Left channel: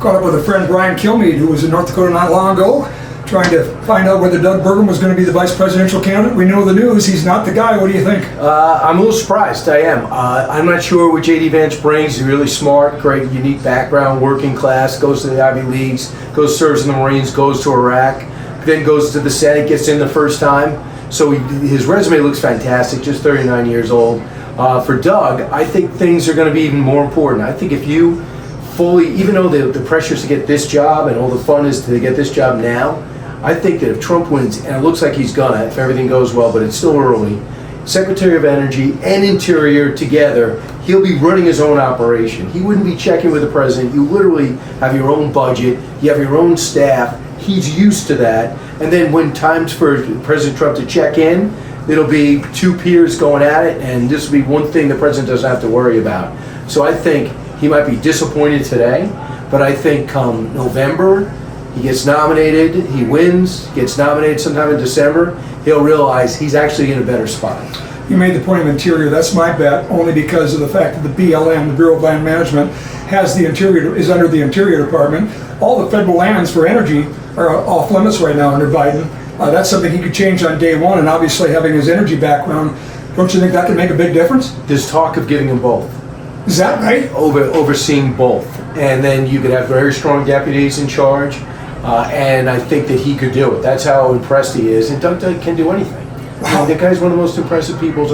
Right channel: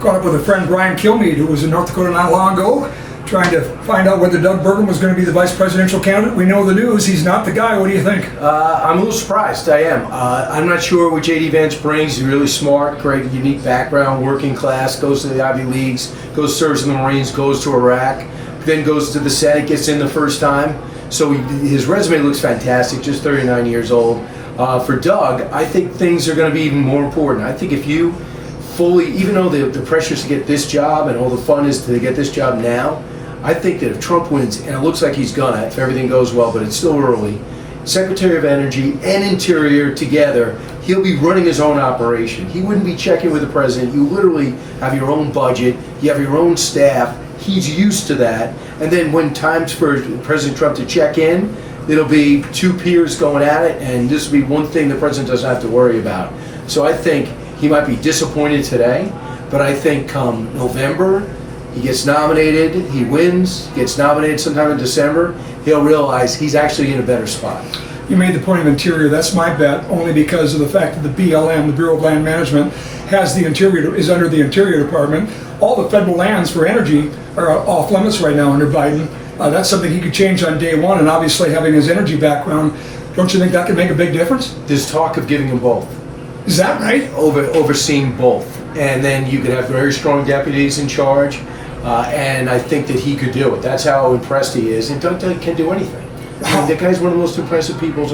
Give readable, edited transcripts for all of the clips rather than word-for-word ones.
caught up with a friend, Brian Kilmeade, who was in North Dakota not long ago, trying to find out whether Doug Burgum was going to be the vice presidential candidate. We know the news. He's not the guy. What do you think? I'm a little surprised. I am. I'm not sure what JD Vance brings. He's really smart, great, unique background, working class, goes to the Ivy Leagues, goes serves in the Marines, goes to Iraq, then goes to the Senate, gets in the first time. So his resume looks fantastic, just 39 years old. For Doug, I think things are going to be even more important. I think if you fully, even though the pressure is to get this job and all the fun is to get this job now, I think that if Trump wins, and it looks like he's gonna, if everything goes well, but it's still early, Secretary of Energy and Interior together, he'll be running his own operation. He wouldn't be checking with the president. You literally have your own budget, you have your own staff. He's used to that. And then when time's for President Trump to check in, it'll be two peers going at it, and this will be one thing the president doesn't have to worry about. So I think he might be disappointed today, but I think come November, he gets nominated, he wins, gets nominated sometime in December, he'll realize he's actually in a better spot. You made the point of Interior. That's my bet, only because of the fact that the BLM, the Bureau of Land Management, has the Interior, is under the Interior Department. All the federal lands for energy are off limits right now under Biden. That's something he could change on day one, and obviously having his energy background, don't you think that could make a big difference? There's talk of giving him both. Is that right? Overseeing both. And then you could have very strong deputies in charge. And I think that he could do it. That's how impressed he is. And Doug can do anything. Wow. That guy's one of the most impressive people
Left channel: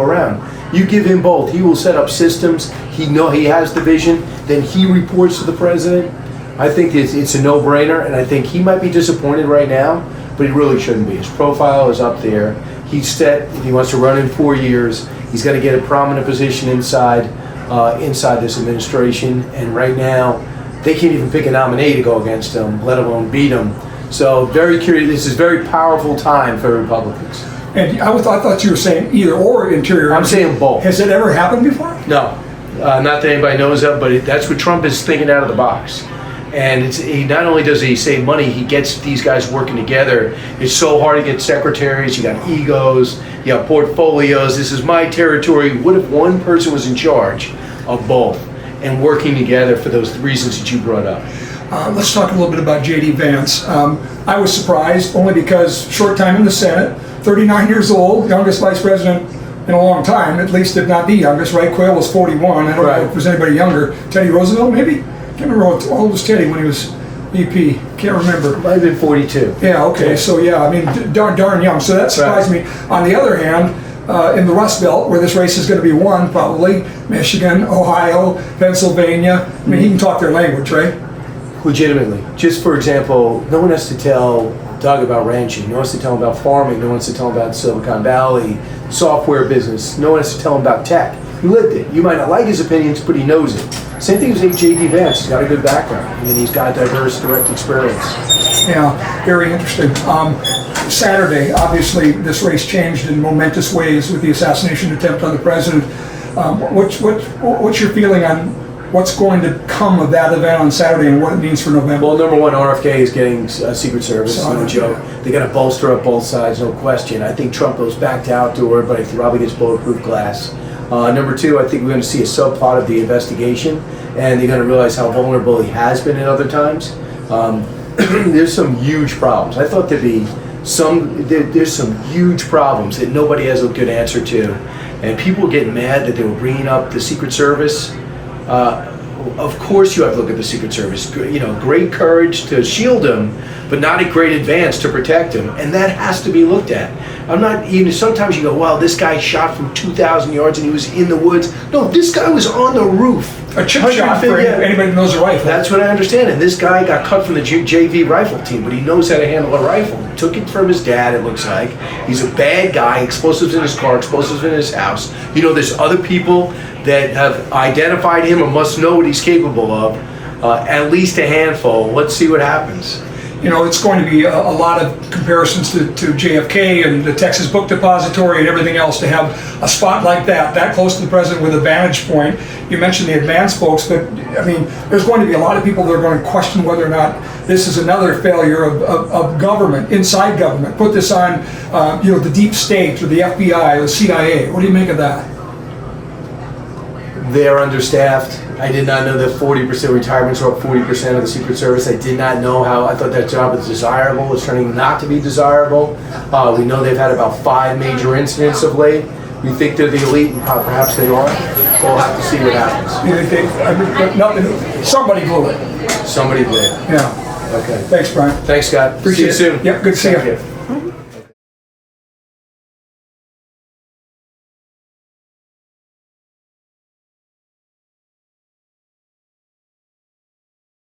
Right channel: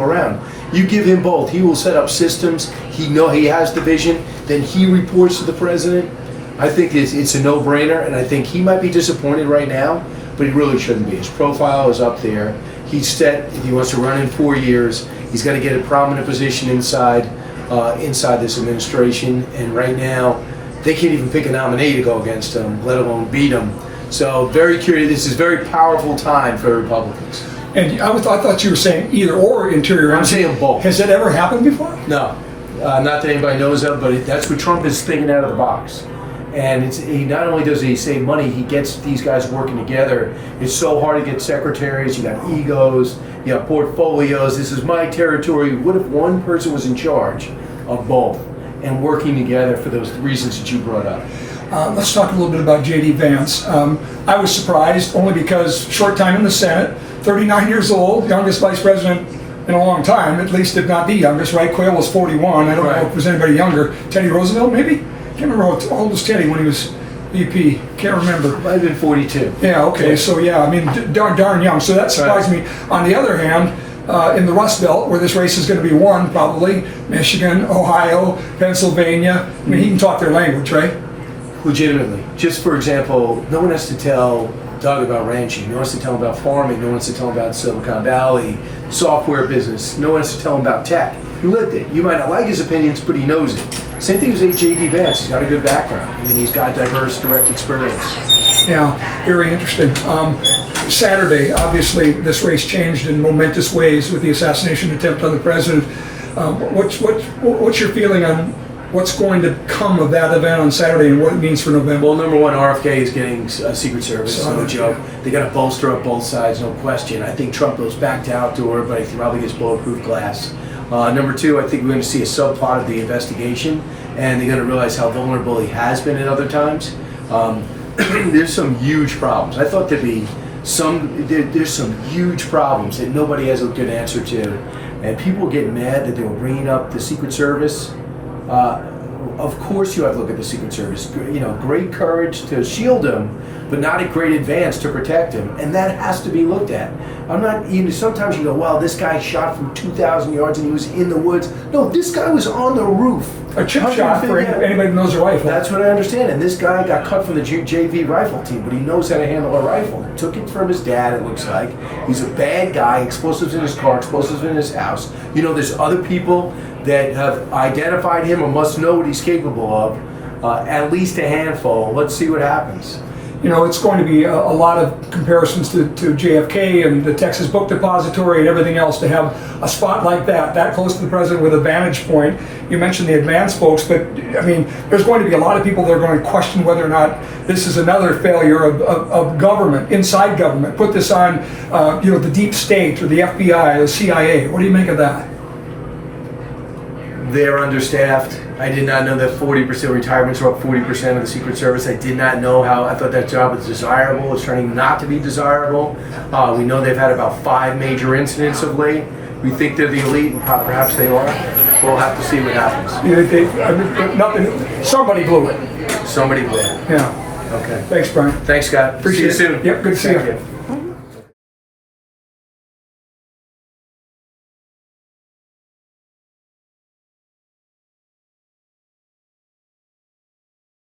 around. You give him both. He will set up systems. He has the vision. Then he reports to the president. I think it's a no-brainer. And I think he might be disappointed right now, but he really shouldn't be. His profile is up there. He's set. He wants to run in 4 years. He's got to get a prominent position inside this administration. And right now, they can't even pick a nominee to go against him, let alone beat him. So very curious. This is a very powerful time for Republicans. And I thought you were saying either or Interior. I'm saying both. Has that ever happened before? No, not that anybody knows of, but that's what Trump is thinking out of the box. And he not only does he save money, he gets these guys working together. It's so hard to get secretaries. You got egos, you have portfolios. This is my territory. What if one person was in charge of both and working together for those reasons that you brought up? Let's talk a little bit about JD Vance. I was surprised only because short time in the Senate, 39 years old, youngest vice president in a long time, at least if not the youngest, right? Quayle was 41. I don't know if there was anybody younger. Teddy Roosevelt, maybe? Can't remember how old was Teddy when he was VP. Can't remember. Might have been 42. Yeah, okay. Yeah. So yeah, I mean, darn young. So that surprised me. On the other hand, in the Rust Belt, where this race is going to be won, probably Michigan, Ohio, Pennsylvania. I mean, he can talk their language, right? Legitimately. Just for example, no one has to tell Doug about ranching. No one has to tell him about farming. No one has to tell him about Silicon Valley, software business. No one has to tell him about tech. He lived it. You might not like his opinions, but he knows it. Same thing as JD Vance. He's got a good background. I mean, he's got diverse, direct experience. Yeah, very interesting. Saturday, obviously, this race changed in momentous ways with the assassination attempt on the president. What's your feeling on what's going to come of that event on Saturday and what it means for November? Well, number one, RFK is getting Secret Service. No joke. They got to bolster up both sides, no question. I think Trump goes back to outdoor, but he probably gets bulletproof glass. Number two, I think we're going to see a subplot of the investigation, and they're going to realize how vulnerable he has been at other times. There's some huge problems. I thought there'd be there's some huge problems that nobody has a good answer to, and people get mad that they were bringing up the Secret Service. Of course, you have to look at the Secret Service. Great courage to shield him, but not a great advance to protect him, and that has to be looked at. I'm not even. Sometimes you go, "Well, this guy shot from 2,000 yards and he was in the woods." No, this guy was on the roof. A chip shot for anybody who knows a rifle. That's what I understand. And this guy got cut from the JV rifle team, but he knows how to handle a rifle. He took it from his dad, it looks like. He's a bad guy. Explosives in his car, explosives in his house. There's other people that have identified him or must know what he's capable of. At least a handful. Let's see what happens. It's going to be a lot of comparisons to JFK and the Texas Book Depository and everything else to have a spot like that close to the president with a vantage point. You mentioned the advanced folks, but I mean, there's going to be a lot of people that are going to question whether or not this is another failure of government, inside government. Put this on, the deep state or the FBI or the CIA. What do you make of that? They're understaffed. I did not know that 40% retirements were up 40% of the Secret Service. I did not know how. I thought that job was desirable. It's turning not to be desirable. We know they've had about 5 major incidents of late. We think they're the elite, and perhaps they are. We'll have to see what happens. Somebody blew it. Somebody did. Yeah. Okay. Thanks, Brian. Thanks, Scott. Appreciate See you it. soon. Yep, good to see Thank you. you.